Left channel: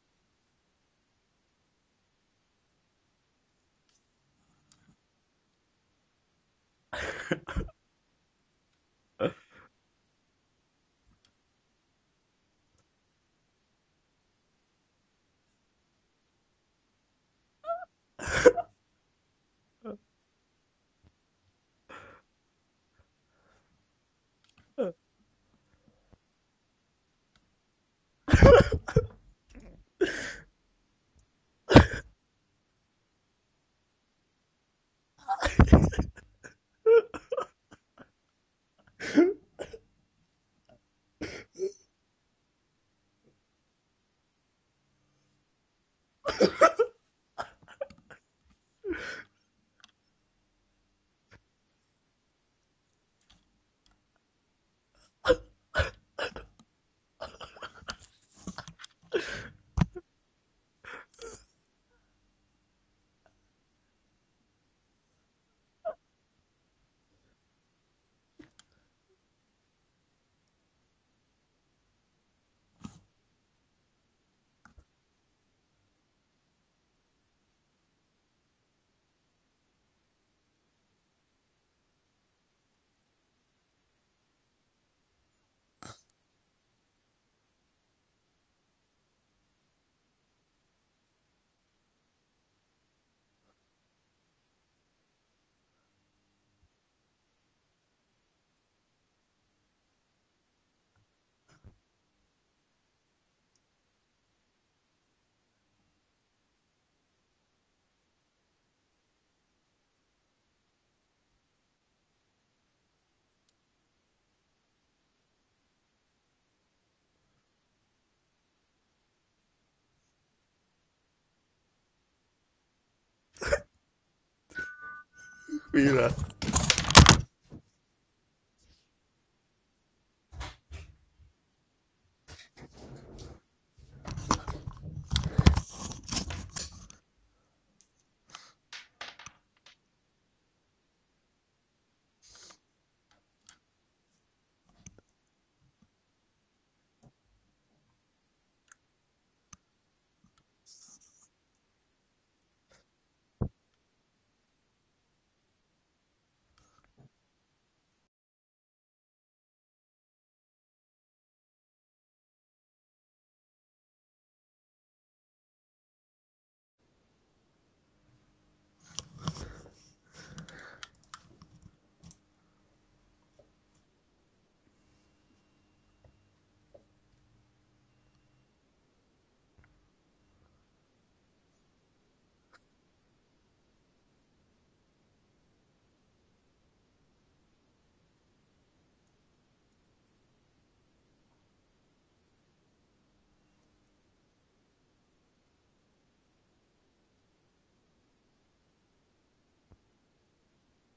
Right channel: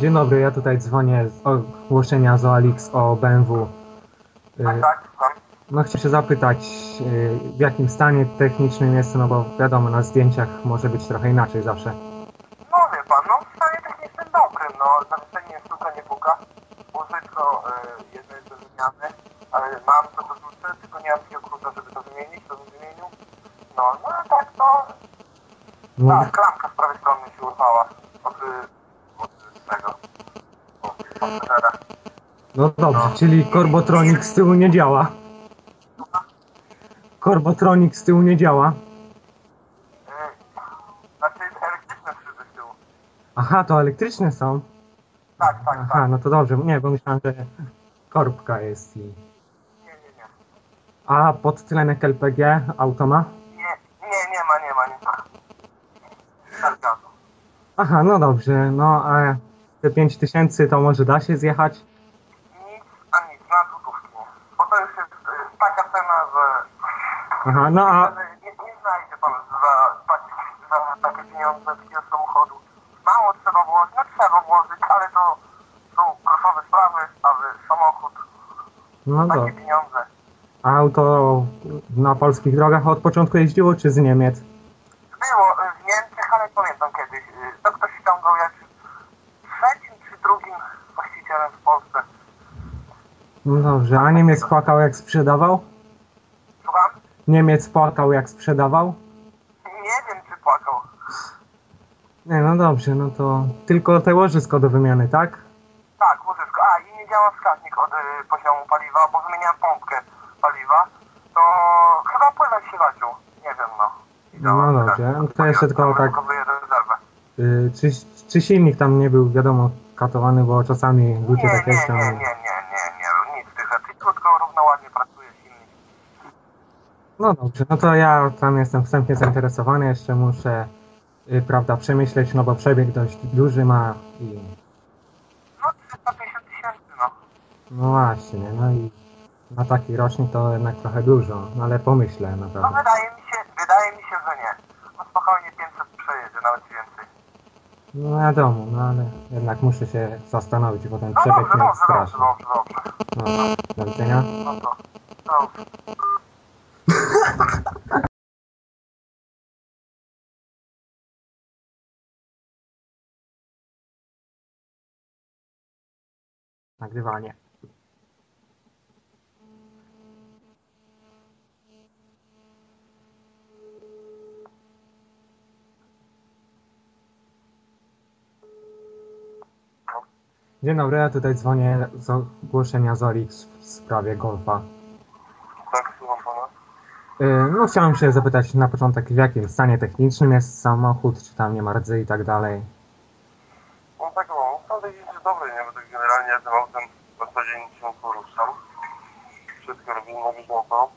Dzień dobry, ja tutaj dzwonię z ogłoszenia z OLX o BMW. Y, Tak, tak, słucham. No chciałem się zapytać, y, w jakim stanie technicznym jest, no bo wiadomo, na zdjęciach może być trochę inaczej zawsze. No wie pan, no w stanie technicznym dobrym, no zawieszenie sztuka nie puka, łożysko y, jest zmieniane, ale mam to do rzucę, tylko nie mam takiego klucza, żeby to wymienić, to bym wymienił. No, no a tak to, No, tak, klamka z prawej strony się urwała. Od tego, od pasażera. no dobrze, czyli Korbotronik z tyłu nie działa. Korbotronik z tyłu nie działa. Elektryczne z tyłu. Aha, to elektryczne są. Tak, tak, Aha, no to dobrze, nie, bo myślałem, że korbka jest. Nie, nie, nie. A podtlenek LPG auto ma? Nie, nie, nie ma, nie ma, nie ma. Aha, no dobrze, no a te 5000 to może da się zjechać? Nic, a nic, na złotówki. Bo to już jest y, taka cena, że Aha, no a nie, nie znajdzie pan za, taki, za takie pieniądze takiego samochodu. Mało trzeba włożyć, no trzeba włożyć, ale to są groszowe sprawy, aby samochód, no takie pieniądze. A auto na polskich drogach od początku jeździło czy z Niemiec? Było y, w Niemczech, ale pamiętam kiedyś, y, to ktoś ściągał jak trzecim czy drugim właścicielem w Polsce. No dobrze, a Niemiec płakał jak sprzedawał? Niemiec płakał jak sprzedawał? Nie wiem, czy płakał. Nie, no dobrze, no to tylko te łożysko do wymiany, tak? Tak, łożysko. A, i nie działa wskaźnik od y, poziomu paliwa, bo wymieniałem pompkę paliwa. To chyba płynąć się zaciął. Nie wiem, no. I działa No dobrze, wskaźnik to jeszcze tylko tak- rezerwę. Y, czy, czy silnik tam nie był, wiadomo, katowany, bo czasami Nie, ludzie nie, tak nie, jeżdżą. nie, nie, nie, nie, nic tych rzeczy. Krótko, równo, ładnie pracuje silnik. No dobrze, no to ja tam jestem wstępnie zainteresowany, jeszcze muszę, y, prawda, przemyśleć, no bo przebieg dość duży ma i No, 350 tysięcy, no. no właśnie, no i na taki rocznik to jednak trochę dużo, no ale pomyślę No naprawdę. wydaje mi się, wydaje mi się, że nie. No spokojnie 500 przejedzie, nawet więcej. No wiadomo, no ale jednak muszę się zastanowić, bo ten No przebieg dobrze, mnie dobrze, dobrze, straszy. dobrze, dobrze. No, do widzenia. No to, dobrze. Nagrywanie. Dzień dobry, ja tutaj dzwonię z ogłoszenia z Orix w sprawie golfa. Tak, słucham pana. Yy, No chciałem się zapytać na początek, w jakim stanie technicznym jest samochód, czy tam nie ma rdzy i tak dalej. No tak, no, naprawdę jest dobry, nie? Bo tak generalnie ja tym autem w zasadzie nic nie poruszam. Wszystko robię na bieżąco.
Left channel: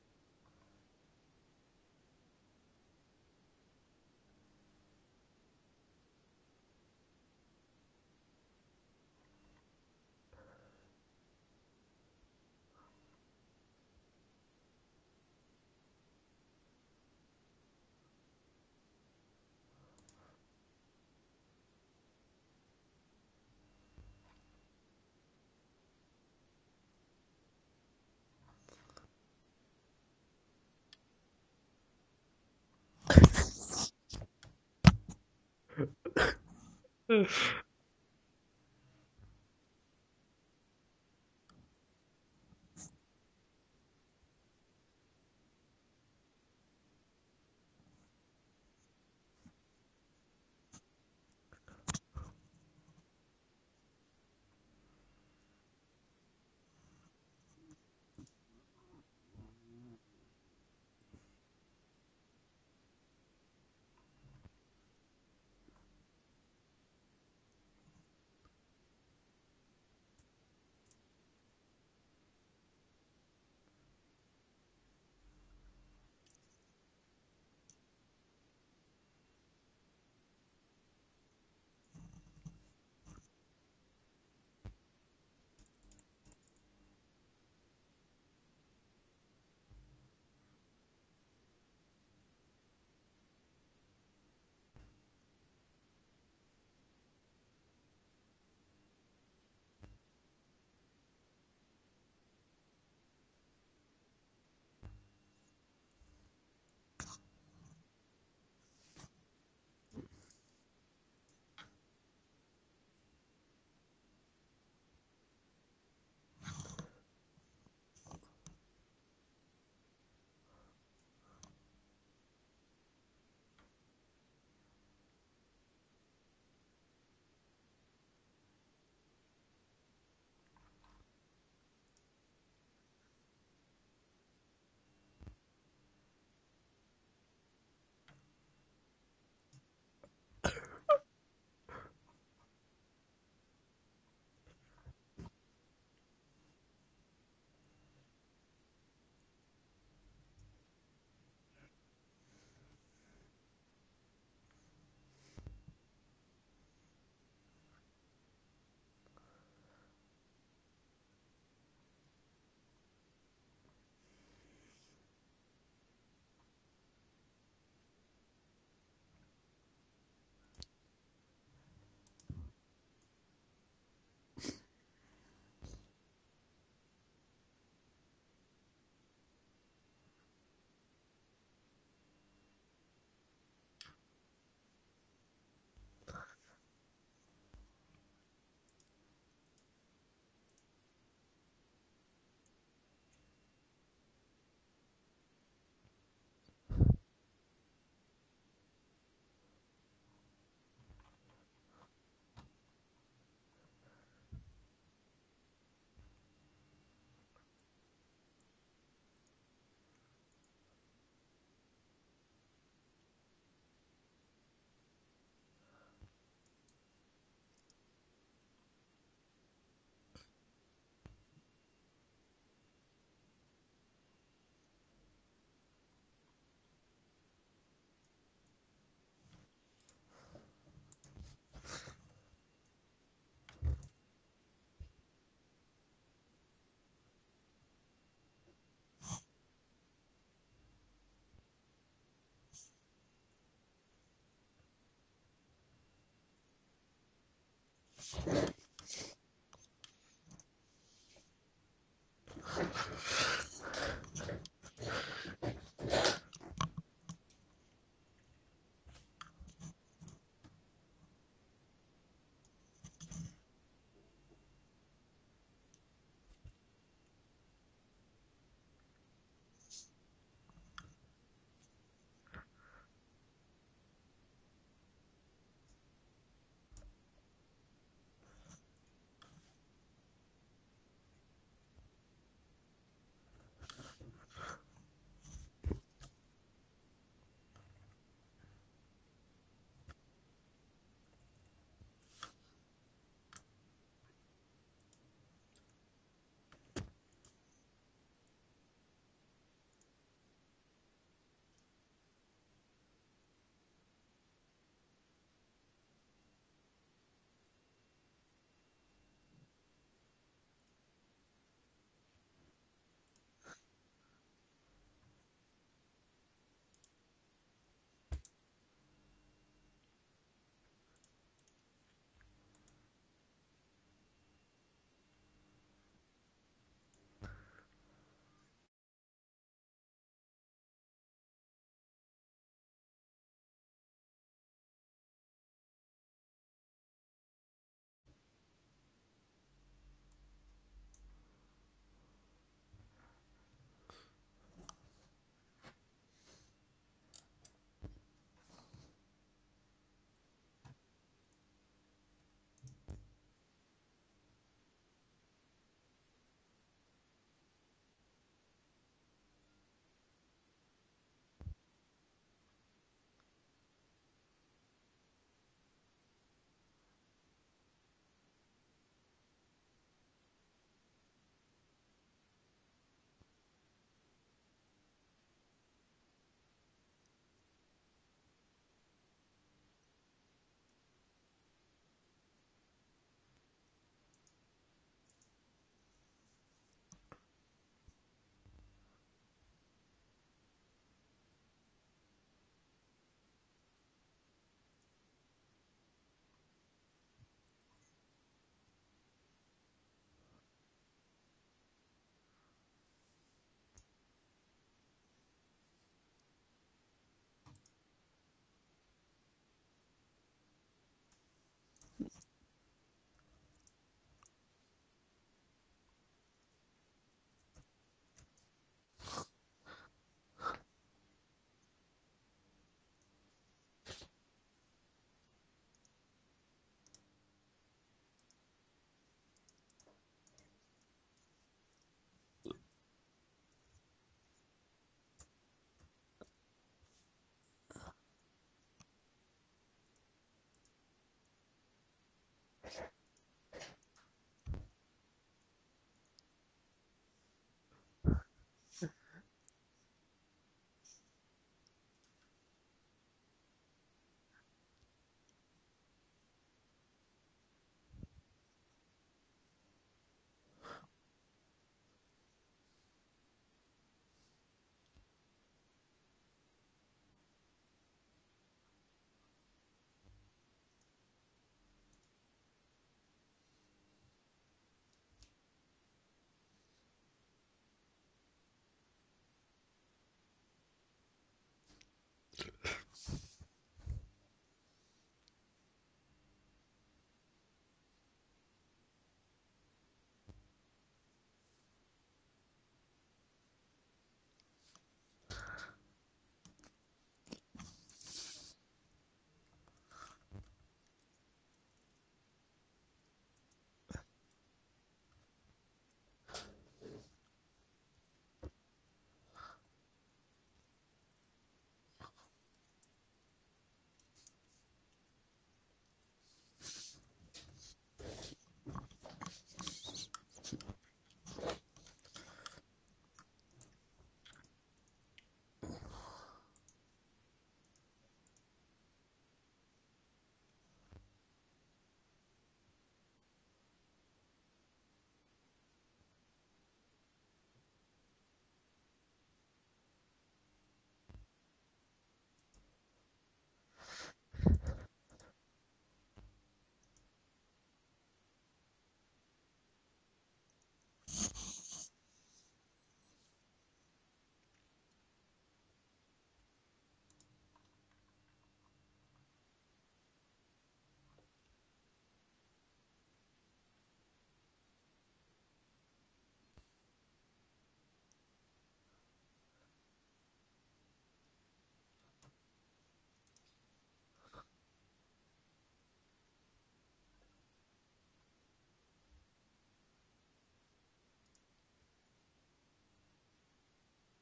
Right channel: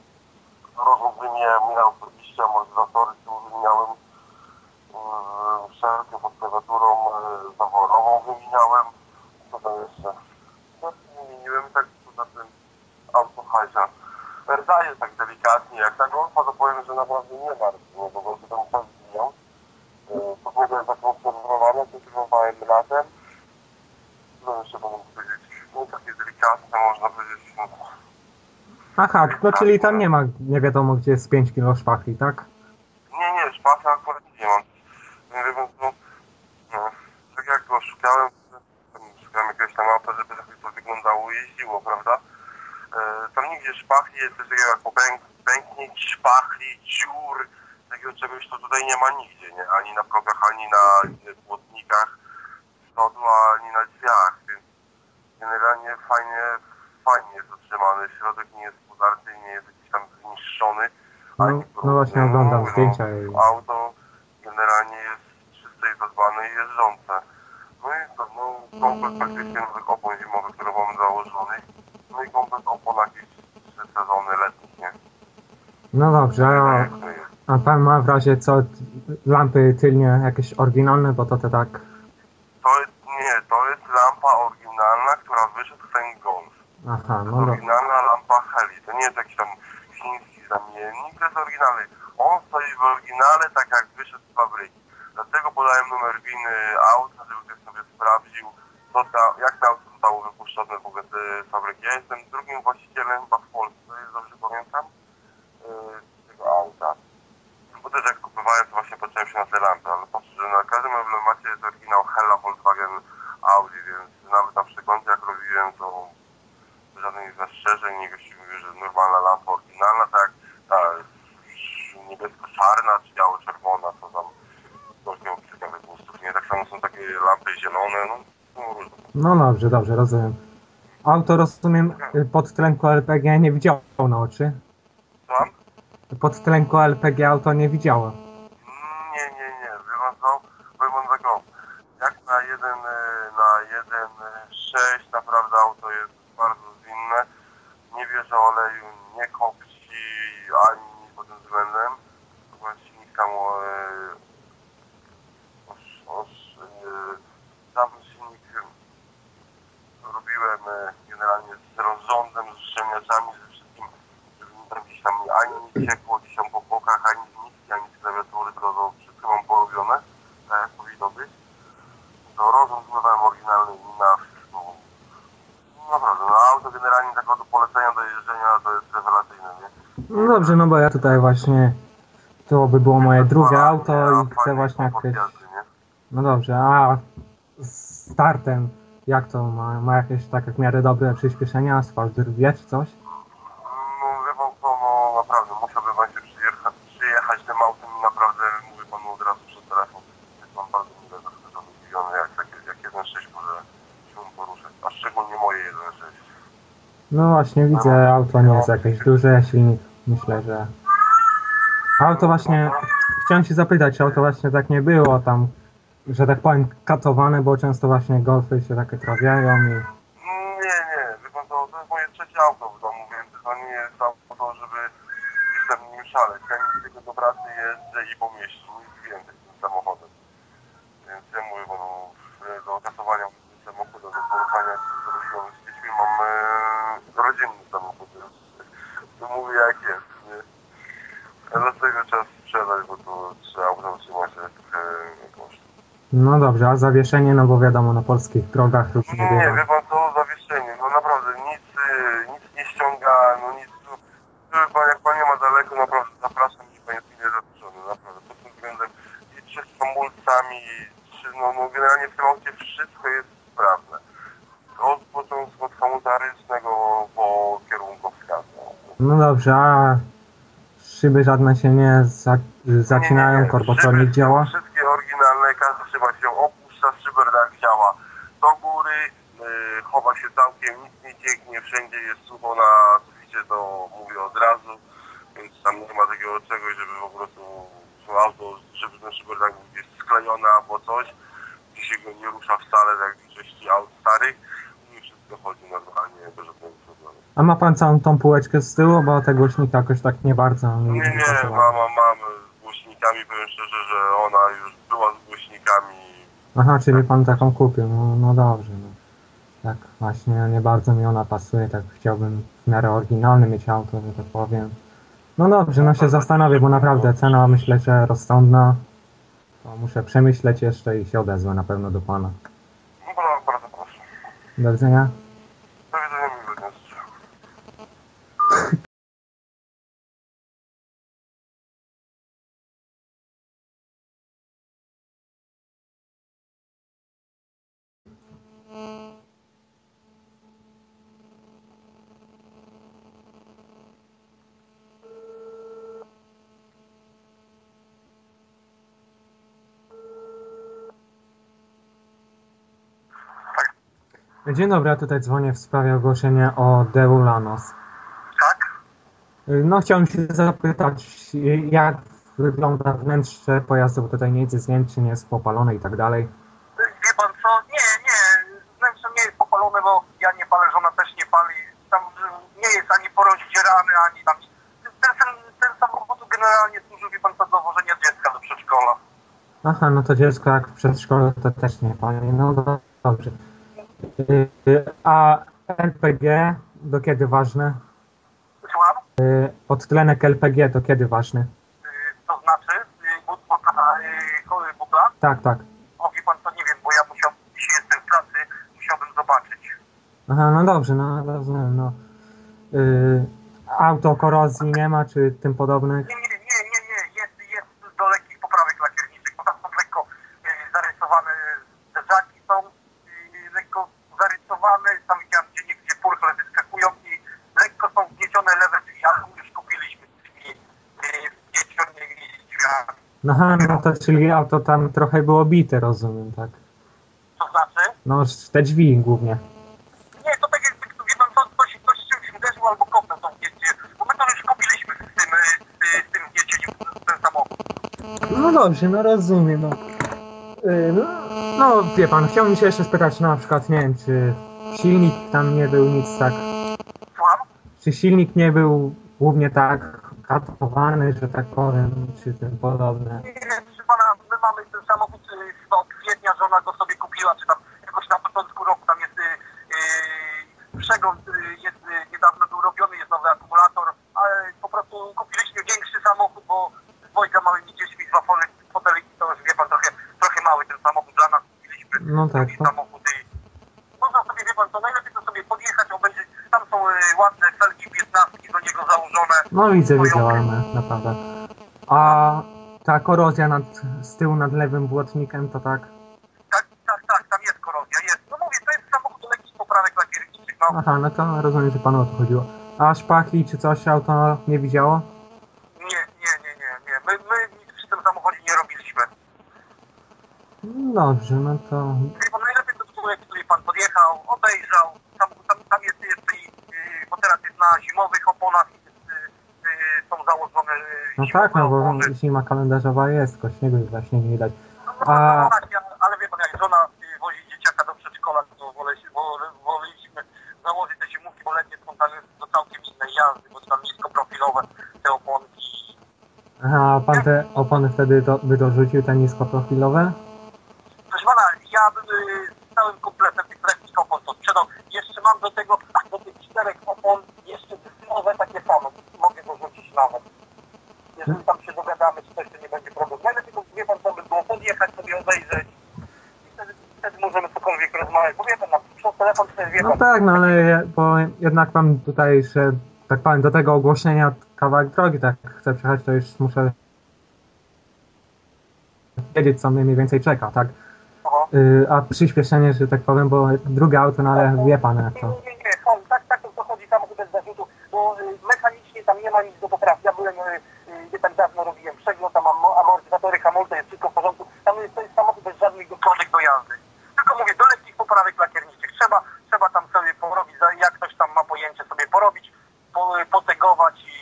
Rozum wymieniałem, miałem oczywiście amortyzatory, tył wymieniałem. Wszelkie pod klawiaturą yy, zaworową wymieniałem. Co tam jeszcze? No, wymieniłem tak poza tym auto hajsia. Rda jest tak delikatnie, jak ta golfa, to powiem, że naprawdę nie ma rdzy, no bo golfy tam czas zmieniam. Pogoda jest zakonserwowana, kultywowałem latem. Co jeszcze mogę powiedzieć? No takie delikatne, można powiedzieć. No, Aha, no czyli tam nie ma nie wiadomo gdzie jest 5 kg szpachli, tak? nie, nie, szpasa akurat nie mam. Nie wiem, no, no, tak jak go szukałem, szukałem jakiegoś tam auta, żeby to wyglądało i jeździło, prawda? E, tam nigdzie szpachli, jest coś takiego jak popęk, pęknięć, szpachli, dziur, takiego czegoś to tutaj nie ma nigdzie, nie? Ani na progach, ani na płotnikach z przodu, ani na drzwiach, więc generalnie fajnie, fajnie jest utrzymany, środek nie jest podarty, nie jest jakiś tam zniszczony. No, no właśnie oglądam No, zdjęcia i... Auto generalnie jest czyste i zadbane i jeżdżące. No i co, no komplet praktycznie nowych opon zimowych, które mamy założony. No i komplet opon jakieś trzy sezony letnich, nie? No dobrze, a, jest. a pan ma w razie co lampy tylnie jakieś oryginalne, bo to te tak... To jest, nie, to jest lampa oryginalna, która wyszedł ten Golf. Aha, To no jest dobra. oryginalna lampa Heli. To nie jest jakiś tam chiński zamiennik, to jest oryginalny. On stoi w oryginale tak jak wyszedł z fabryki. Dlatego podałem numer winy auta, żeby ktoś sobie sprawdził, został, jak to auto zostało wypuszczone w ogóle z fabryki. Ja jestem drugim właścicielem chyba w Polsce, dobrze pamiętam, yy, tego auta. Bo też jak kupowałem, to właśnie patrzyłem się na te lampy, ale patrzę, na każdym emblemacie jest oryginał Hella Volkswagen Audi, więc nawet na przeglądzie jak robiłem, to żadnych zastrzeżeń, nie gości mówił, że normalna lampa oryginalna, tak ta niebiesko-czarna czy biało-czerwona, to tam ktoś miał ciekawych gustów, nie? Tak samo są takie lampy zielone, no, no różne. No dobrze, dobrze, rozumiem. Auto, rozumiem, y, pod tlenku LPG nie widziało na oczy. Tam? Pod tlenku LPG auto nie widziało. Nie, nie, nie, pan tego, jak na jeden, e, na jeden e, sześć naprawdę auto jest bardzo zwinne, nie bierze oleju, nie kopci ani nic pod tym względem. Właśnie silnik tam e, oż, oż, e, sam silnik e, robiłem e, generalnie z rozrządem, z uszczelniaczami, ze wszystkim, żeby mi tam gdzieś tam ani nie ciekło gdzieś tam po bokach, ani z nitki, ani z klawiatury, to, to wszystko mam porobione, tak jak powinno być. To rozrząd zmywałem oryginalny i na wszystko. No Naprawdę, no auto generalnie tak do polecenia do jeżdżenia to jest rewelacyjne, nie? No dobrze, no bo ja tutaj właśnie, to by było moje drugie auto i chcę właśnie jakieś... No dobrze, a z startem, jak to ma, ma jakieś tak jak w miarę dobre przyspieszenia, asfalt wie czy coś? No wie pan co, no naprawdę musiałby pan się przyjechać, przyjechać tym autem i naprawdę mówi panu od razu przez telefon. Jest pan bardzo mile zaskoczony, zdziwiony jak, jak, jak 1.6 może się poruszać, a szczególnie moje 1.6. No właśnie widzę, auto nie jest jakieś duże, silnik myślę, że... Auto właśnie, chciałem się zapytać, czy auto właśnie tak nie było tam, że tak powiem, katowane, bo często właśnie golfy się takie trafiają i... Nie, nie, wie pan co, to jest moje trzecie auto w domu, więc to nie jest auto, żeby jestem nim szaleć. Ja nic tylko do pracy jeżdżę i po mieście, nic więcej tym samochodem. Więc ja mówię panu, e, do kasowania samochodu, do poruszania się z rodziną, z dziećmi mam e, rodzinny samochód, więc to mówię jak jest, nie? A dlatego trzeba sprzedać, bo to trzeba auto utrzymać jest trochę kosztuje. Zawieszenie, no bo wiadomo, na polskich drogach to nie Nie, bywa. wie pan co, zawieszenie, no naprawdę nic, y, nic nie ściąga, no nic, no, pan, jak pan nie ma daleko, naprawdę zapraszam i pan jest mile zaproszony, naprawdę, pod tym względem i czy z hamulcami, czy, no, no generalnie w tym aucie wszystko jest sprawne. Od początku od hamulca ręcznego po kierunkowskaz. No dobrze, a szyby żadne się nie za, zacinają, Nie, nie, nie. działa? są Wszystkie oryginalne, każda szyba się opuszcza, szyberdak działa do góry, y, chowa się nie cieknie, wszędzie jest sucho na suficie, to mówię od razu, więc tam nie ma takiego czegoś, żeby po prostu to auto, żeby ten szyberdak był gdzieś sklejony albo coś, gdzie się go nie rusza wcale, tak jak w większości aut starych i wszystko chodzi normalnie, bez żadnego problemu. A ma pan całą tą półeczkę z tyłu, bo te głośniki jakoś tak nie bardzo Nie, nie, pasowały. mama, mam z głośnikami, powiem szczerze, że ona już była z głośnikami. Aha, czyli pan taką kupił, no, no dobrze. No. Tak, właśnie nie bardzo mi ona pasuje, tak chciałbym w miarę oryginalny mieć auto, że tak powiem. No dobrze, no się zastanowię, bo naprawdę cena myślę, że rozsądna. To muszę przemyśleć jeszcze i się odezwę na pewno do pana. No bardzo proszę. Do widzenia. Do widzenia miłego dnia życzę. Dzień dobry, ja tutaj dzwonię w sprawie ogłoszenia o Deu Lanos. Tak? No chciałem się zapytać, jak wygląda wnętrze pojazdu, bo tutaj nic jest zdjęć, czy nie jest popalone i tak dalej. Wie pan co? Nie, nie. Wnętrze nie jest popalone, bo ja nie palę, żona też nie pali. Tam y, nie jest ani porozdzierany, ani tam... Ten, ten, ten samochód generalnie służy, wie pan co, do wożenia dziecka do przedszkola. Aha, no to dziecko jak w przedszkolu to też nie pali. No do- dobrze. Y, A LPG do kiedy ważne? Słucham? Y, Odtlenek LPG to kiedy ważny? Y, To znaczy, but, butla, butla? Tak, tak. O, wie pan co, nie wiem, bo ja musiał, dzisiaj jestem w pracy, musiał Aha, no dobrze, no rozumiem, no. Yy, auto korozji nie ma, czy tym podobnych? Nie, nie. Jest, jest do lekkich poprawek lakierniczych, bo tam są lekko y, zarysowane zderzaki są y, lekko zarysowane, tam widziałem gdzie niegdzie purchle wyskakują i lekko są wgniecione lewe drzwi, ale już kupiliśmy drzwi y, wgniecionymi drzwiami. No, aha, no to czyli auto tam trochę było bite, rozumiem, tak? To znaczy? No, te drzwi głównie. Nie, to tak jakby, wie pan, to, ktoś, ktoś z czymś uderzył albo kopnął tą wgniecie, bo my to już kupiliśmy z tym, y, z, z tym wgniecieniem ten samochód. No dobrze, no rozumiem, no. Yy, no, no, wie pan, chciałbym się jeszcze spytać, no, na przykład, nie wiem, czy silnik tam nie był nic tak, Słucham? czy silnik nie był głównie tak katowany, że tak powiem, czy tym podobne. Nie wiem, czy pana, my mamy ten samochód y, chyba od kwietnia, żona go sobie kupiła, czy tam jakoś na początku roku, tam jest y, y, przegląd, y, jest y, niedawno był robiony, jest nowy akumulator, ale po prostu kupiliśmy większy samochód, bo z dwojga małymi dziećmi, dwa fotele, foteliki, to już wie pan, trochę, trochę mały ten samochód dla nas, kupiliśmy No tak, drugi to, samochód i można sobie, wie pan, to najlepiej to sobie podjechać, obejrzeć, tam są y, ładne felgi 15 do niego założone, no widzę, widziałem, naprawdę. A ta korozja nad, z tyłu nad lewym błotnikiem, to tak? Tak, tak, tak, tam jest korozja, jest. No mówię, to jest samochód do lekkich poprawek lakierniczych, no. Aha, no to rozumiem, że panu o to chodziło. A szpachli czy coś auto nie widziało? Nie, nie, nie, nie, nie. My, my nic przy tym samochodzie nie robiliśmy. No Dobrze, no to... Wie pan, najlepiej to było, jak tutaj pan podjechał, obejrzał, tam, tam, tam jest jeszcze i, yy, bo teraz jest na zimowych oponach, jest, yy, yy, są założone yy, No zimowe tak, no bo opony. zima kalendarzowa jest, tylko śniegu właśnie nie widać. No, A- no, tak, ja, ale wie pan, jak żona wozi dzieciaka do przedszkola, to wolę się, woleliśmy założyć te zimówki, bo letnie są tam do całkiem innej jazdy, bo tam niskoprofilowe te oponki. Aha, a pan te opony wtedy do, by dorzucił, te niskoprofilowe? Proszę pana, ja bym y, z całym kompletem tych lekkich opon to sprzedał. Jeszcze mam do tego, do tych czterech opon jeszcze nowe takie same. Mogę dorzucić nawet. Jeżeli tam się dogadamy, czy coś, to nie będzie problemu. Najlepiej tylko wie pan, co by było podjechać, sobie obejrzeć. I wtedy, wtedy możemy cokolwiek rozmawiać. Bo wie pan, na, przez telefon to jest, wie No pan, tak, no ale bo jednak pan tutaj, że tak powiem, do tego ogłoszenia kawałek drogi, tak chcę przejechać, to już muszę wiedzieć, co mnie mniej więcej czeka, tak? Oho. Yy, a przyspieszenie, że tak powiem, bo drugie auto, no ale wie pan jak to. nie, nie, chodź, tak, tak to chodzi samochód bez zarzutu, bo y, mechanicznie tam nie ma nic do poprawy. Ja byłem, y, y, nie tak dawno robiłem przegląd, tam am- amortyzatory, hamulce, jest wszystko w porządku. Tam jest, to jest samochód bez żadnych dokładek do jazdy. Tylko mówię, do lekkich poprawek lakierniczych. Trzeba, trzeba tam sobie porobić, za- jak ktoś tam ma pojęcie sobie porobić, po, potegować i,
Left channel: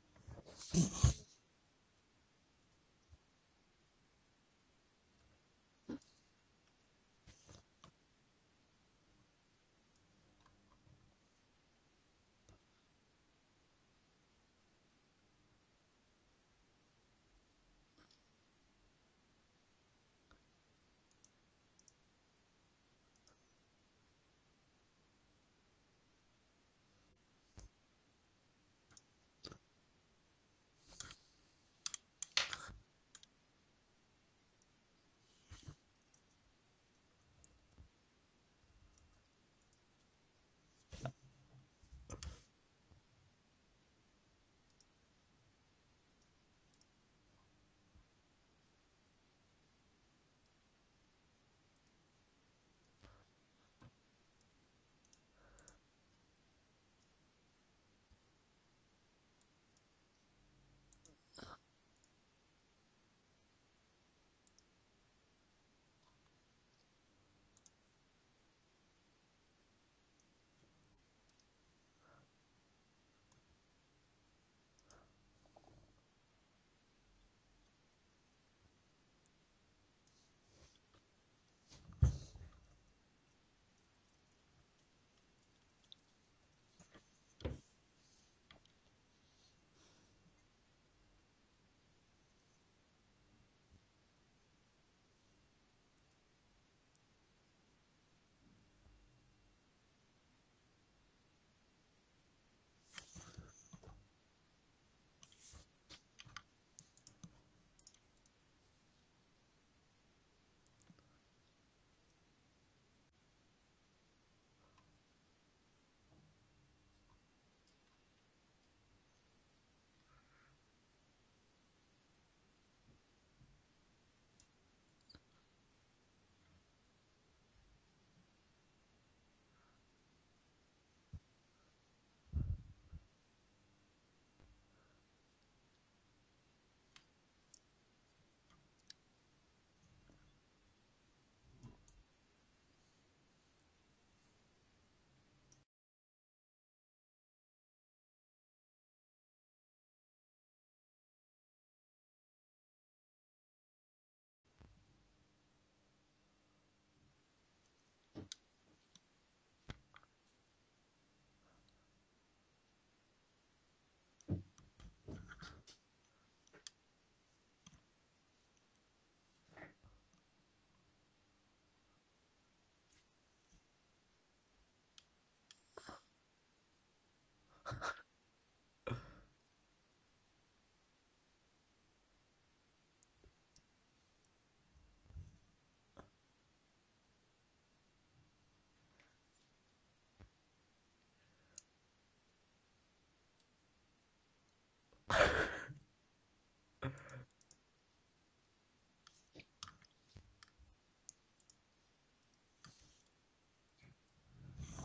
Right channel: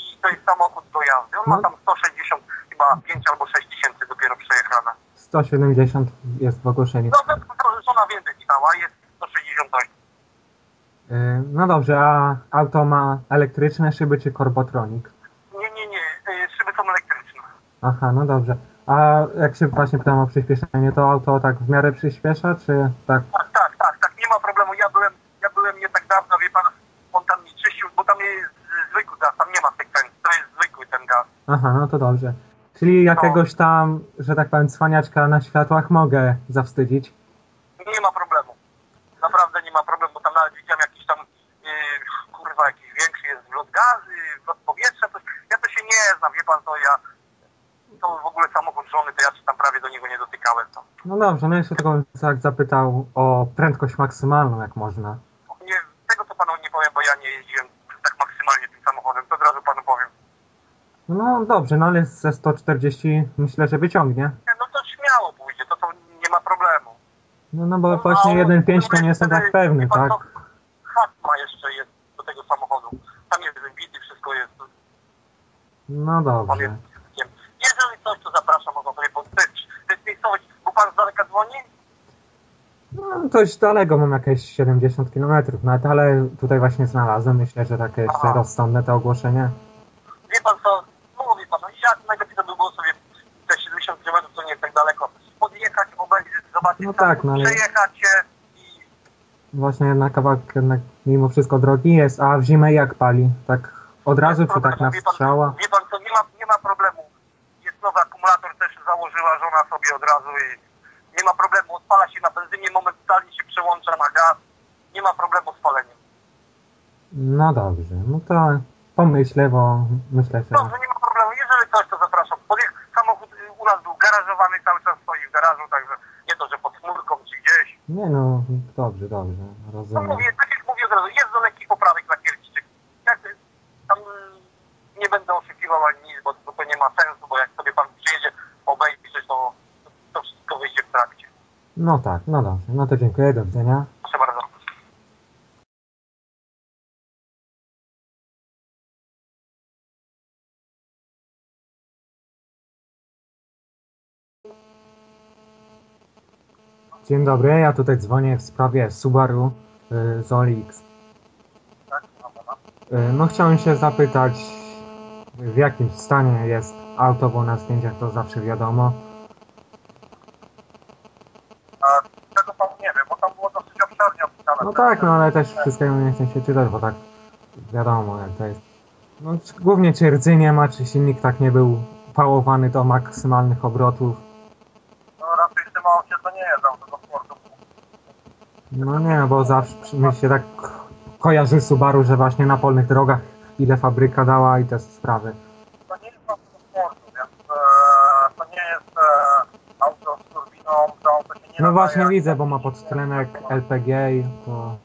i to jest samochód do jazdy. On ma No. tam 160, chyba 5 albo 6 tysięcy dopiero przejechane. 170 jest w ogłoszeniu. No, żona więcej pisała, jest 168. Yy, no dobrze, a auto ma elektryczne szyby czy korbotronik? Nie, nie, nie, y, szyby są elektryczne. Aha, no dobrze. A jak się właśnie pytam o przyspieszenie, to auto tak w miarę przyspiesza, czy tak? Tak, tak, tak, tak, nie ma problemu. Ja byłem, ja byłem nie tak dawno, wie pan, on tam mi czyścił, bo tam jest zwykły gaz, tam nie ma sekwencji, to jest zwykły ten gaz. Aha, no to dobrze. Czyli jakiegoś tam, że tak powiem, cwaniaczka na światłach mogę zawstydzić. Nie ma problemu. Naprawdę nie ma problemu, bo tam nawet widziałem jakiś tam, yy, kurwa, jakiś większy jest wlot gazy, wlot powietrza, coś. Ja to się nie znam, wie pan, to ja, to w ogóle samochód żony, to ja się tam prawie do niego nie dotykałem, to. No dobrze, no jeszcze tylko tak zapytał o prędkość maksymalną, jak można. Nie, tego to panu nie powiem, bo ja nie jeździłem tak maksymalnie tym samochodem, to od razu panu powiem. No dobrze, no ale ze 140 myślę, że wyciągnie. Nie, no to śmiało pójdzie, to, to nie ma problemu. No, no bo właśnie 1.5 to nie jestem tak pewny, tak? Hat ma jeszcze jest do tego samochodu. Tam jest wybity, wszystko jest. No dobrze. jest. Jeżeli coś, to zapraszam, można sobie podpisać. To jest miejscowość, bo pan z daleka dzwoni? No dość daleko, mam jakieś 70 km nawet, ale tutaj właśnie znalazłem. Myślę, że takie rozsądne to ogłoszenie. Wie pan co, mówi pan, no jak najlepiej to by było sobie te 70 km, to nie jest tak daleko. Podjechać, obejrzeć, zobaczyć, No tak, no ale- przejechać się i Właśnie jednak kawałek jednak mimo wszystko drogi jest, a w zimę jak pali? Tak od razu, czy tak na strzała? Wie pan co, nie ma, nie ma problemu. Jest nowy akumulator, też założyła żona sobie od razu i nie ma problemu. Odpala się na benzynie, momentalnie się przełącza na gaz nie ma problemu z paleniem. No dobrze, no to pomyślę, bo myślę, że... Dobrze, nie ma problemu. Jeżeli coś, to zapraszam. Podjech- samochód u nas był garażowany, cały czas stoi w garażu, także nie to, że pod chmurką czy gdzieś. Nie no, dobrze, dobrze, No rozumiem. mówię, tak jak mówię od razu, jest do lekkich poprawek na. Jak y, tam y, nie będę oszukiwał ani nic, bo, bo to nie ma sensu, bo jak sobie pan przyjedzie obejrzeć, to, to wszystko wyjdzie w trakcie. No tak, no dobrze, no to dziękuję, do widzenia. Proszę bardzo. Dzień dobry, ja tutaj dzwonię w sprawie Subaru y, Zolix. Y, no chciałem się zapytać, w jakim stanie jest auto, bo na zdjęciach to zawsze wiadomo. A tego pan nie wie, bo tam było dosyć obszernie opisane. No tak, no ale też wszystkiego nie chcę się czytać, bo tak wiadomo jak to jest. No czy- głównie czy rdzy nie ma, czy silnik tak nie był pałowany do maksymalnych obrotów. No raczej w tym aucie to nie jest auto do sportu. No nie, bo zawsze mi się tak kojarzy Subaru, że właśnie na polnych drogach ile fabryka dała i te sprawy. To nie jest auto więc e, to nie jest e, auto z turbiną, to auto się nie No nadaje właśnie widzę, bo ma podstrenek LPG i to...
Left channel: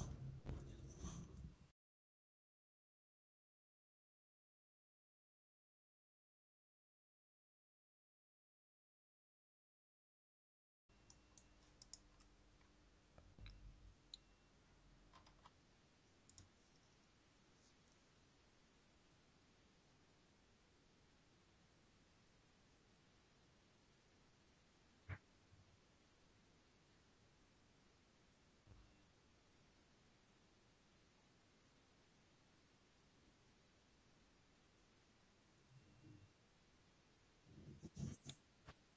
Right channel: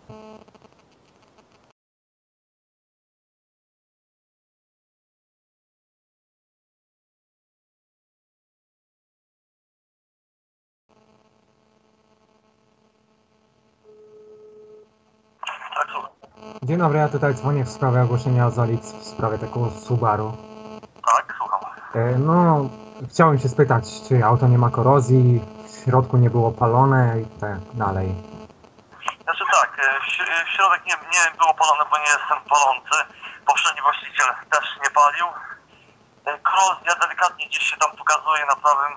Dzień dobry, ja tutaj dzwonię w sprawie ogłoszenia Zolix w sprawie tego Subaru. Tak, słucham. E, No, chciałem się spytać, czy auto nie ma korozji, w środku nie było palone i tak dalej. Znaczy tak, e, w ś- w środek nie, nie było palone, bo nie jestem palący. Poprzedni właściciel też nie palił. E, Korozja delikatnie gdzieś się tam pokazuje na prawym,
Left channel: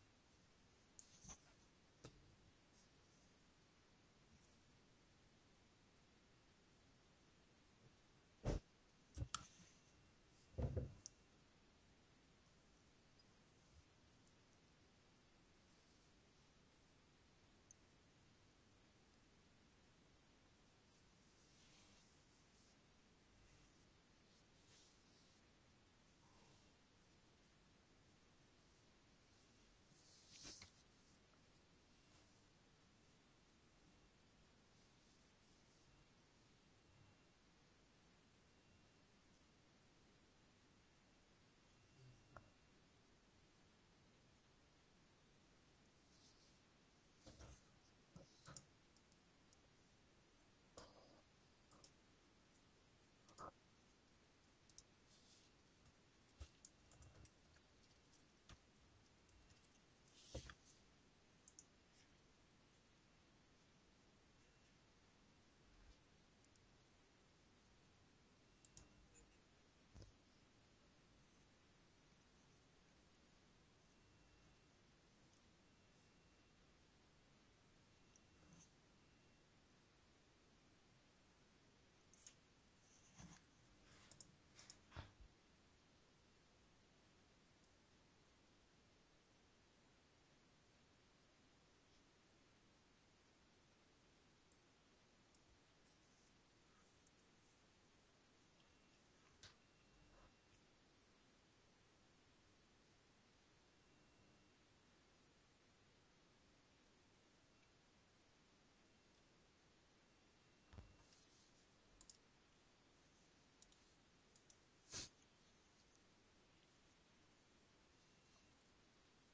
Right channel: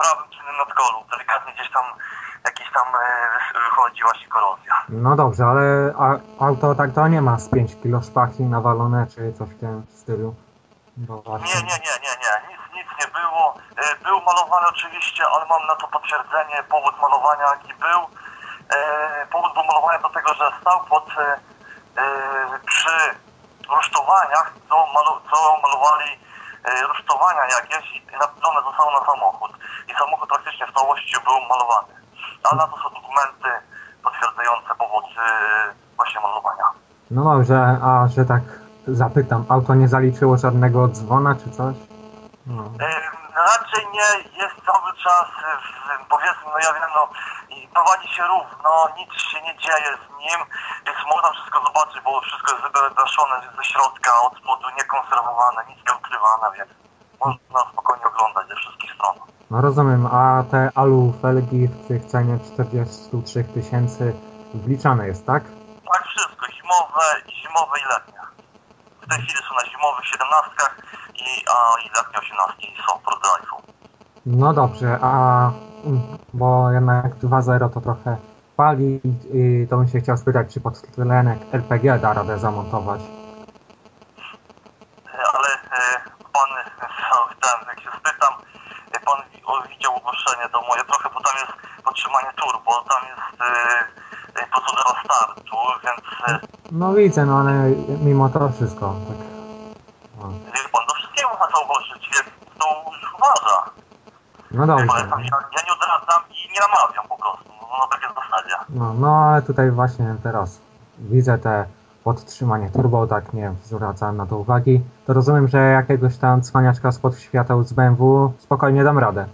prawym tylnym nadkolu. Delikatnie gdzieś tam jakiś tam e, wychodzi właśnie korozja. No dobrze, ale auto tak to nie ma z 5 kg szpachli nawalone, czy coś w tym stylu. Nie, nie, nie, nie, nie, nic, nic nie było. E, Był malowany oczywiście, ale mam na to potwierdzenie, powód malowania jaki był. E, Powód był malowania do tego, że stał pod, przy rusztowaniach, co, malu, co malowali rusztowania jakieś i napisane zostało na samochód. I samochód praktycznie w całości był malowany. Ale na to są dokumenty potwierdzające powód e, właśnie malowania. No dobrze, a że tak zapytam, auto nie zaliczyło żadnego dzwona czy coś? No. Ym, Raczej nie, jest cały czas, y, powiedzmy, no ja wiem, no prowadzi się równo, nic się nie dzieje z nim, więc można wszystko zobaczyć, bo wszystko jest wygaszone ze środka, od spodu, niekonserwowane, nic nie ukrywane, więc można spokojnie oglądać ze wszystkich stron. No rozumiem, a te alu felgi w tych cenie 43 tysięcy wliczane jest, tak? Tak, wszystko, zimowe, zimowe i letnie. W tej chwili są na zimowych 17 i, a, i letnie 18 są pro drive'u. No dobrze, a mm, bo jednak 2.0 to trochę pali i to bym się chciał spytać, czy podtlenek LPG da radę zamontować. ale e, pan e, ten, jak się spytam, e, pan wi- o, widział ogłoszenie to moje trochę, bo tam jest podtrzymanie turbo, tam jest e, e, procedura startu, więc e, No widzę, no ale mimo to wszystko, tak. No, wie pan, do wszystkiego można ogłosić, więc to już uważa. no dobrze. ja, tam- ja, nie odradzam i nie namawiam po prostu, no, na takiej zasadzie. No, no ale tutaj właśnie teraz widzę te podtrzymanie turbo, tak nie zwracałem na to uwagi. To rozumiem, że jakiegoś tam cwaniaczka spod świateł z BMW spokojnie dam radę.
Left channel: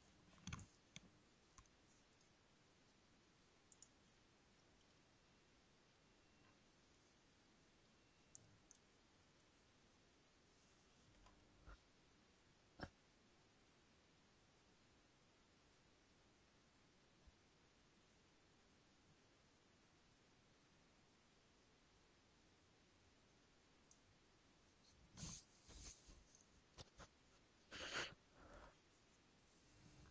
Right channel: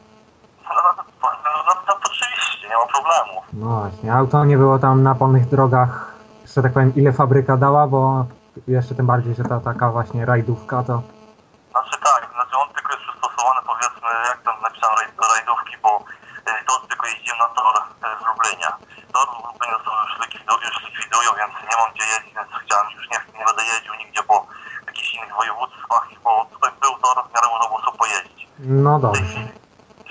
No, no, no, no, no to oczywiście, nie ma problemu. No właśnie, auto nie było tam na polnych drogach, że tak powiem, ile fabryka dała, bo jeszcze tym bardziej, że ta taka właśnie rajdówka to... Znaczy tak, znaczy on tylko jest przystosowany powiedzmy, jak tam napisałem do rajdówki, bo y, to tylko jeździłem na tor y, w Lublinie. Tor w Lublinie to już, likwidu- już likwidują, więc nie mam gdzie jeździć, więc chciałem już nie, nie będę jeździł nigdzie po jakichś innych województwach, bo tutaj był tor, w miarę można było sobie pojeździć. No dobrze.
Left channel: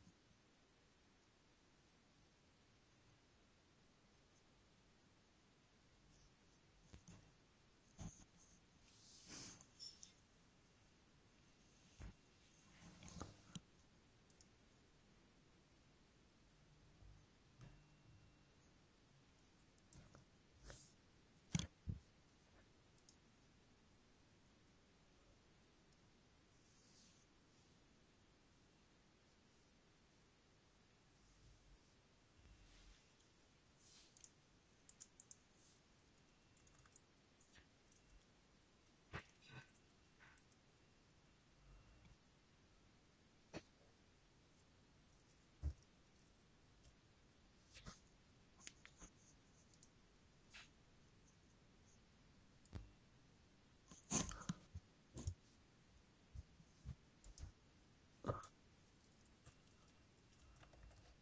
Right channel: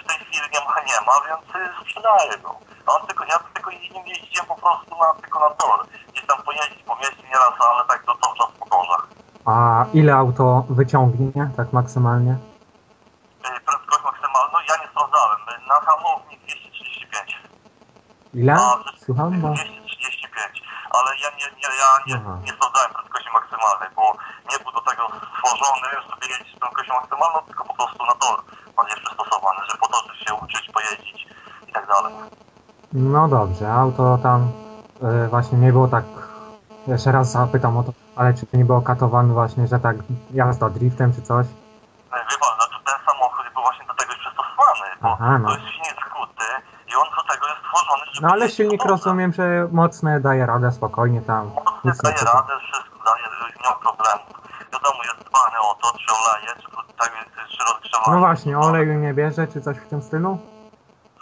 w tej chwili nie ma, nie ma, więc y, sprzedaję go. No, on tylko, ja tylko nim jeździłem po prostu na, tylko na tor. Gdzieś tam pojeździć po mieście nieraz, ale tak to cały czas po torach. A ile auto wyciągnie, tak maksymalnie? Prędkość maksymalną ja nie sprawdzałem. Na hamowni 235. Ile? A, Słucham, bo... 235. ja nie, nie, ja nie, Aha. nie sprawdzałem prędkości maksymalnej, bo nie był do tego stworzony, żeby jeździć z prędkością maksymalną, tylko po prostu na tor on jest przystosowany, żeby potoczyć się, uczyć, pojeździć i tak dalej. No dobrze, auto tam e, właśnie nie było tak. Jeszcze raz zapytam o to, ale czy nie było katowane właśnie, że tak jazda driftem czy coś? E, Wie pan, znaczy ten samochód był właśnie do tego przystosowany, bo Aha, no. to jest silnik skuty i on do tego jest stworzony, żeby... No ale silnik po torze. rozumiem, że mocne daje radę spokojnie tam. Mocny Nic nie daje radę, wszystko daje, nie ma problemu. Wiadomo, jest dbany o to, czy oleje, czy, tak, czy rozgrzewanie. No właśnie, oleju nie bierze czy coś w tym stylu?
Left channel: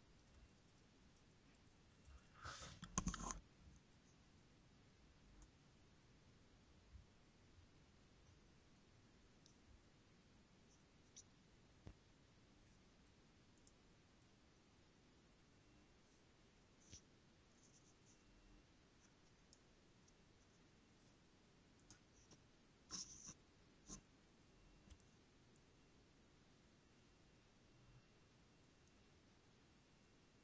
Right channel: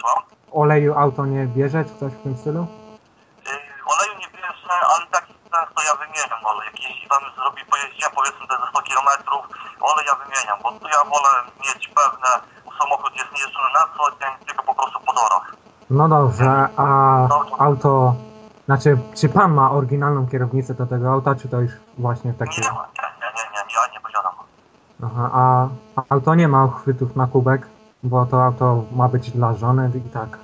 Słucham? Oleju auto nie bierze czy coś w tym stylu? Yy, oleju nie bierze, ale tak często ja wymieniam olej. Jak jeśli tam zrobi pojeździłem powiedzmy te ze 100 km, olej ja wymieniam, bo tu ja wolę mieć pewne, samochód jest niejeżdżony na co dzień, tylko po prostu po torach. No dobrze, a auto... Znaczy, czy pan ma oryginalną kierownicę do tego auta, czy to już właśnie Nie, takie... nie, nie, nie, nie, ja nie posiadam. Aha, a auto nie ma uchwytów na kubek, bo to auto ma być dla żony i tak.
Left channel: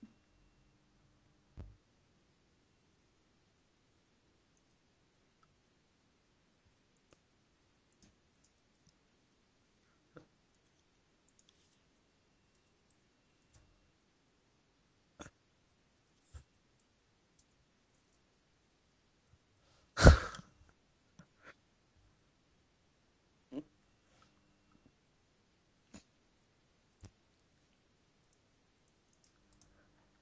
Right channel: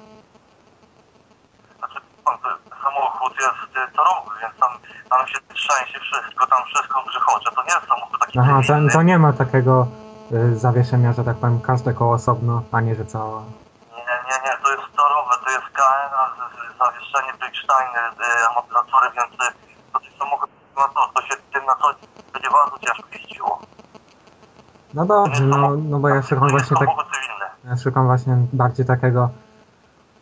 Znaczy, pan, ten samochód jest torowy, więc tam, tam się trzęsie wszystko, tam wszystko grzechocze. To nie jest samochód taki Aha, to, to nie ma takiego y, zawieszenia, że tak powiem, każde koło osobno, a nie, że cała. Nie, nie, nie, to jest torowe, to jest KN, a z- z- zawieszenie Brickstein, y, amortyzatory, więc y, to samochód na to, to się tym na co będzie bardzo ciężko jeździło. No dobrze, no, no bo ja szukam właśnie tak, ja szukam właśnie bardziej takiego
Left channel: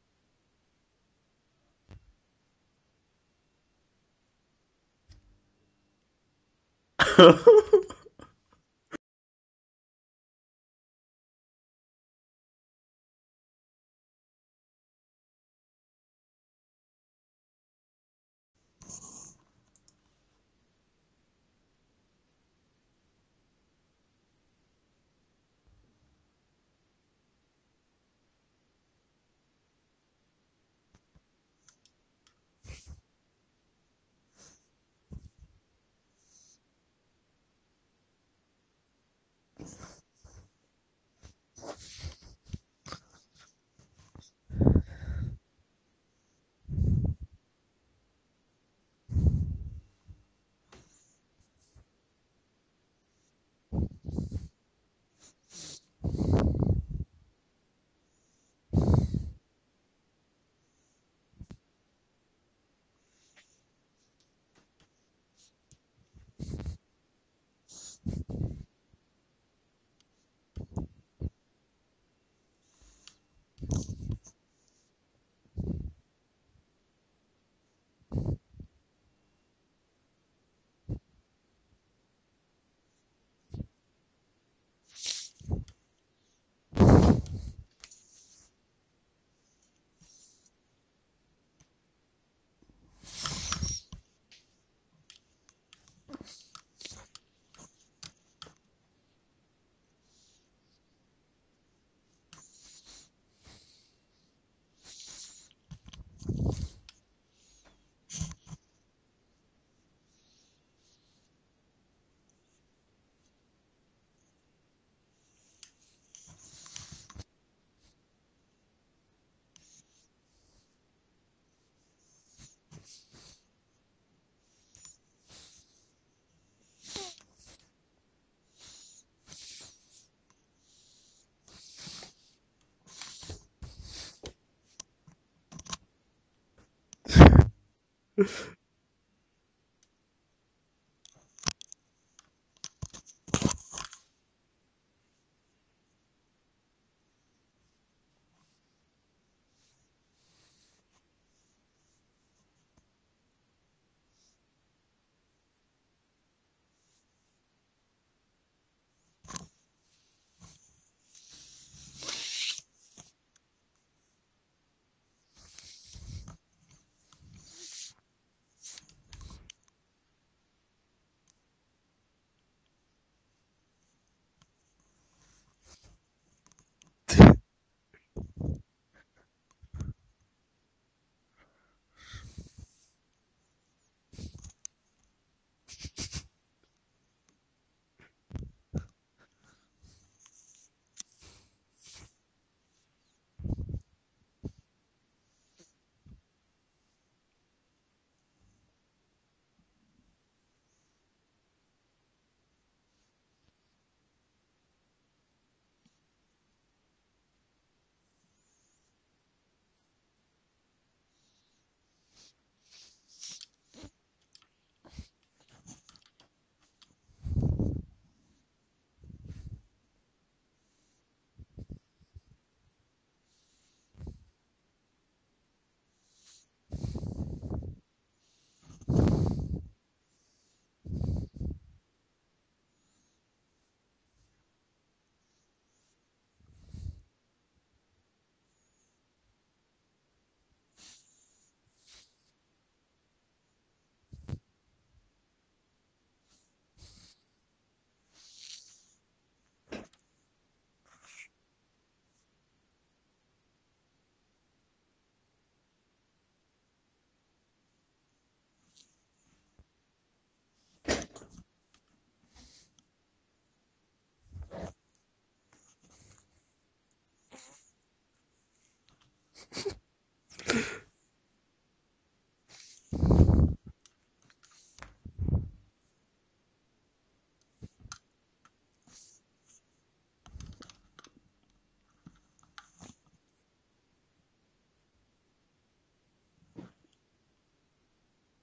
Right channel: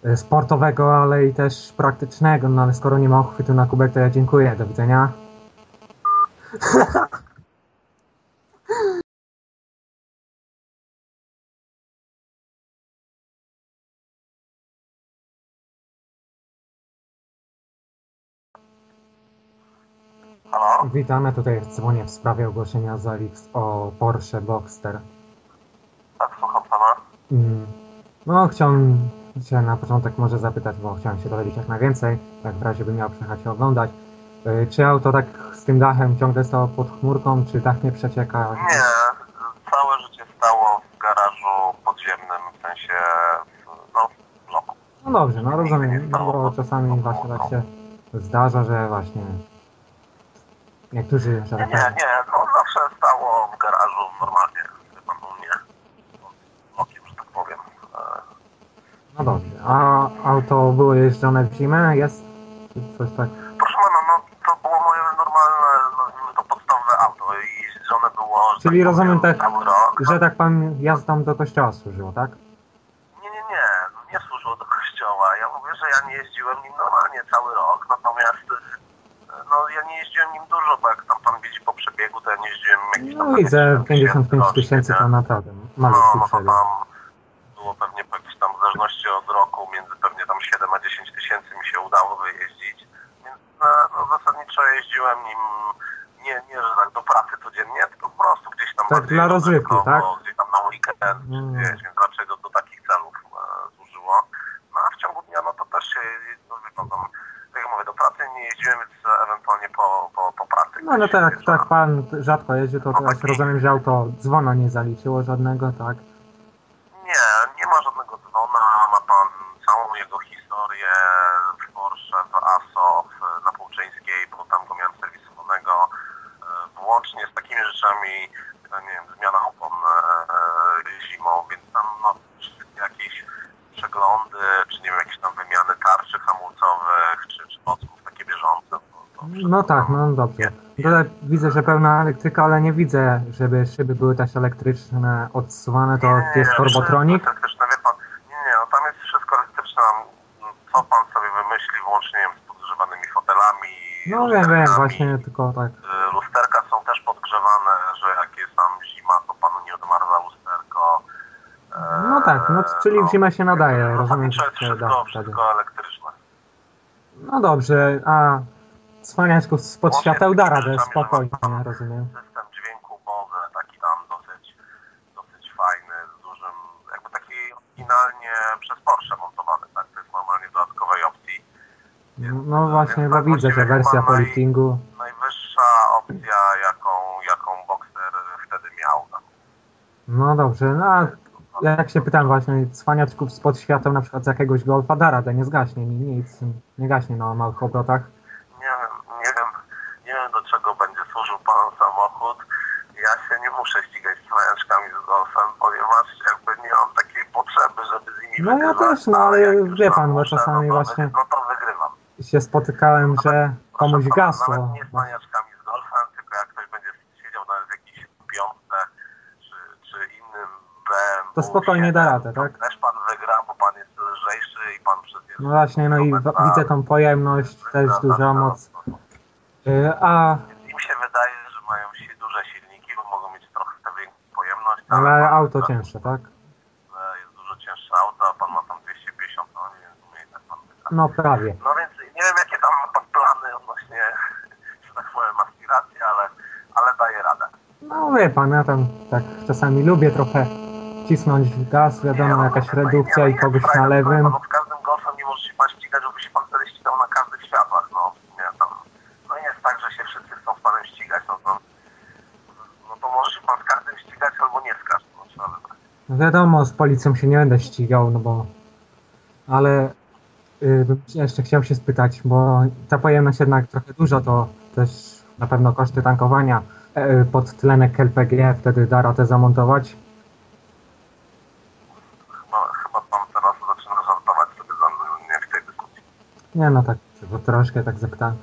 y, sportowego, ale i też praktycznego, no ale skoro nie ma uchwytu na kubek, to ja dziękuję, do widzenia. Witam, ja tutaj dzwonię w sprawie ogłoszenia z Alix o Porsche Boxster. Tak, słucham pana. Mm, No, chciałem się na początek może zapytać, bo chciałem się dowiedzieć jak najwięcej, tak w razie by miał przyjechać się oglądać. Y, Czy auto tak z tym dachem ciągle stało pod chmurką, czy dach nie przecieka? Nie, całe życie stało w garażu podziemnym, w sensie, no, no, No dobrze, no rozumiem, no bo czasami właśnie tak się zdarza, że właśnie niektórzy, nie, tak nie, nie, no zawsze stało w garażu normalnie, wie pan, u mnie, okiem, że tak powiem. No dobrze. A auto było jeżdżone w zimę? Jest? Czy coś tak? Proszę pana, no to było moje normalne, nazwijmy to podstawowe auto i jeżdżone było, że Czyli tak rozumiem powiem, tak, cały rok. że tak pan jazdą do kościoła służyło, tak? Nie, nie, nie, nie służyło do kościoła. Ja mówię, że ja nie jeździłem nim normalnie cały rok, natomiast e, no ja nie jeździłem nim dużo, bo jak tam pan widzi po przebiegu, to ja nie jeździłem jakieś tam No widzę 55 rocznie, tysięcy nie? to naprawdę No, malutki no przebieg. tam było pewnie po jakiejś tam w zależności od roku, między pewnie tam 7 a 10 tysięcy mi się udało wyjeździć. Więc e, no, zasadniczo jeździłem nim nie, nie, że tak do pracy codziennie, tylko po prostu gdzieś tam Tak, dla rozrywki, tak? Gdzieś tam na weekend, Mm. gdzieś, więc raczej do, do takich celów e, służyło. No a w ciągu dnia, no to też się, no, wie pan, tam, pracy nie jeździłem, więc ewentualnie po, po, po pracy. No ale tak, tak pan rzadko jeździ, to teraz rozumiem, że auto dzwona nie zaliczyło żadnego, tak? Nie, nie ma żadnego dzwona, ma pan całą jego historię w Porsche, w ASO, w, na Półczyńskiej, bo tam go miałem serwisowanego, e, włącznie z takimi rzeczami, e, nie wiem, zmiana opon e, e, zimą, więc tam no, wszystkie jakieś przeglądy, czy nie wiem, jakieś tam wymiany tarczy hamulcowych, czy, czy To, to No tak, no dobrze. Tutaj widzę, że pełna elektryka, ale nie widzę, żeby szyby były też elektryczne, odsuwane, to Nie, jest turbotronik. wszystko elektryczne, wie pan, nie, nie, no tam jest wszystko elektryczne, co pan sobie wymyśli, włącznie wiem, z podgrzewanymi fotelami, No wiem, wiem, właśnie tylko tak. Y, Lusterka są też podgrzewane, że jak jest tam zima, to panu nie odmarza lusterko. No tak, no czyli w zimę się nadaje, no, rozumiem, że jest wszystko, wszystko elektryczne. No dobrze, a cwaniaczków spod Łącznie świateł da radę, że spokojnie, rozumiem. System dźwięku Bose, taki tam dosyć, dosyć fajny, z dużym, jakby taki oryginalnie przez Porsche montowany, tak? To jest normalnie w dodatkowej opcji. No właśnie, bo widzę, że wersja po liftingu. Najwyższa opcja, jaką, jaką Boxer wtedy miał. No. No dobrze, no a jak się pytam właśnie, cwaniaczków spod świateł na przykład z jakiegoś golfa da radę, nie zgaśnie, ni- nic, nie gaśnie na małych obrotach. Nie wiem, nie czego będzie służył pan samochód. Ja się nie muszę ścigać z trojaczkami z golfem, ponieważ jakby nie mam takiej potrzeby, żeby z nimi No ja też, no ale wie pan, bo muszę, czasami no to, właśnie No to wygrywam. się spotykałem, że komuś gasło. Nawet nie z maniaczkami z golfem, tylko jak ktoś będzie siedział nawet w jakiejś piątce, czy, czy innym BMW. To spokojnie da radę, tak? Też pan wygra, bo pan jest lżejszy i pan przecież... No właśnie, no i w- widzę tą pojemność, też duża moc. Y, A, Im się wydaje, że mają si- duże silniki, bo mogą mieć trochę większą pojemność, ale pan- auto cięższe, tak? że Jest dużo cięższe auto, a pan ma tam 250, no nie wiem, w sumie i tak pan wygra. No prawie. No więc nie wiem jakie tam ma pan plany odnośnie, że tak powiem, aspiracji, ale, ale daje radę. No wie pan, ja tam tak czasami lubię trochę cisnąć w gaz, wiadomo, jakaś redukcja i kogoś na lewym. No, z każdym golfem nie może się pan ścigać, żeby się pan wtedy ścigał na każdych światłach, no. Nie, tam, no nie jest tak, że się wszyscy chcą z panem ścigać, no to, no to może się pan z każdym ścigać albo nie z każdym, no trzeba wybrać. No wiadomo, z policją się nie będę ścigał, no bo... Ale y, jeszcze chciał się spytać, bo ta pojemność jednak trochę duża, to też na pewno koszty tankowania e, pod tlenek LPG, wtedy da radę zamontować. Chyba, chyba pan teraz zaczyna żartować sobie za mnie w tej dyskusji. Nie no tak, bo troszkę tak zapytałem.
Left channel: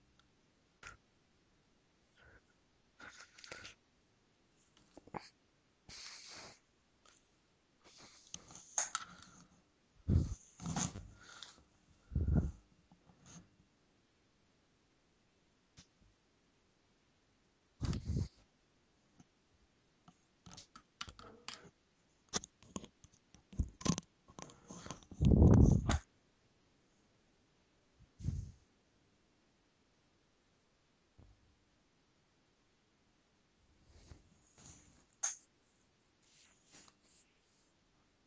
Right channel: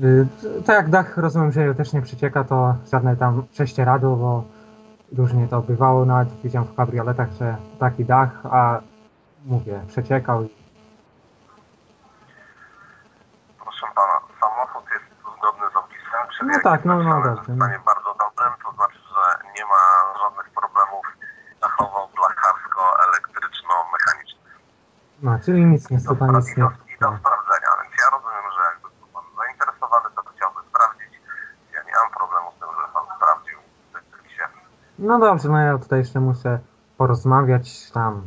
Y, tak jak dach rozumiem, że też nie przecieka, to żadne tam prześcieradło, bo różnie to bywało, nawet widziałem w kabrioletach, że taki dach, a mówię, przeciekał. Proszę pana, samochód jest zgodny z opisem. Przebieg No tak, no, no dobrze, w stanie bardzo dobrym, to znaczy, że nie ma żadnych problemów dachowo-blacharsko-elektryczno-mechanicznych. No, czyli nic, niestety Do, nic nie. I do sprawdzenia, więc ja rozumiem, że jakby był pan zainteresowany, to chciałby sprawdzić. Ja nie mam problemu z tym, że pan sprawdził w serwisie. No dobrze, no ja tutaj jeszcze muszę porozmawiać tam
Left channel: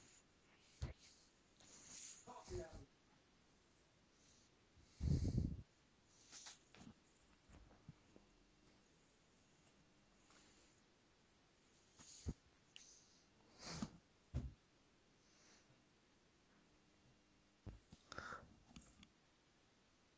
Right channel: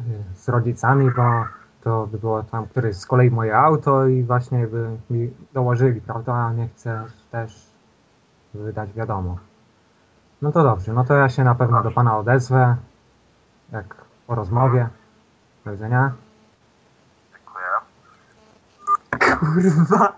y, z rodzicami, bo to by było tam któreś z kolei moje auto i właśnie by mi dołożyli, prawda, a nie chcę też wydać wiadomo. No to dobrze, no to ja się na pewno do pana odezwę, jak po rozmowie. Do widzenia. Dziękuję. Kurwa.